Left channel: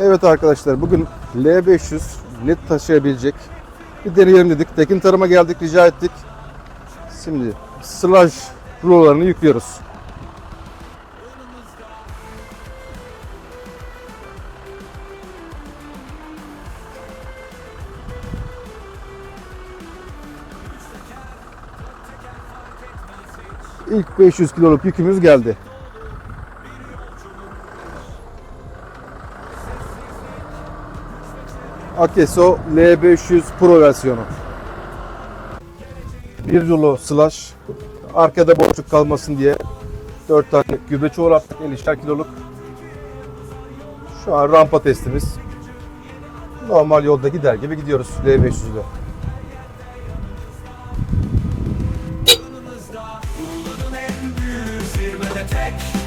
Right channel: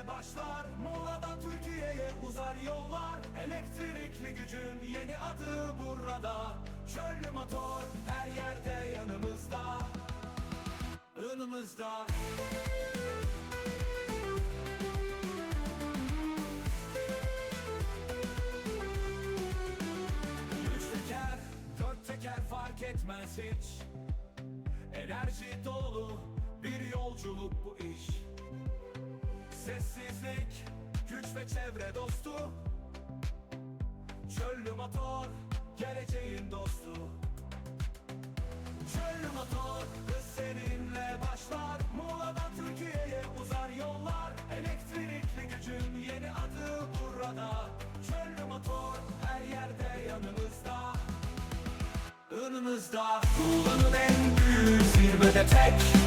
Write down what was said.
Evet arkadaşlar bugün L500 led taşıyabilecek bir deneyelim dedik. Tekin Tarım'a geldik rica ettik. Şimdi slash rulolarını yüklüyoruz. İlk 500 kiloluk yükümüz geldi. Akeso L500 Pro versiyonu. Bir dolu slash. Arkada boşluk kalmasın diye 4 tane gübre çoğraptık 50'şer kiloluk. Şu an rampa testimiz. Normal yolda gider gibi gidiyoruz L500'de. Tek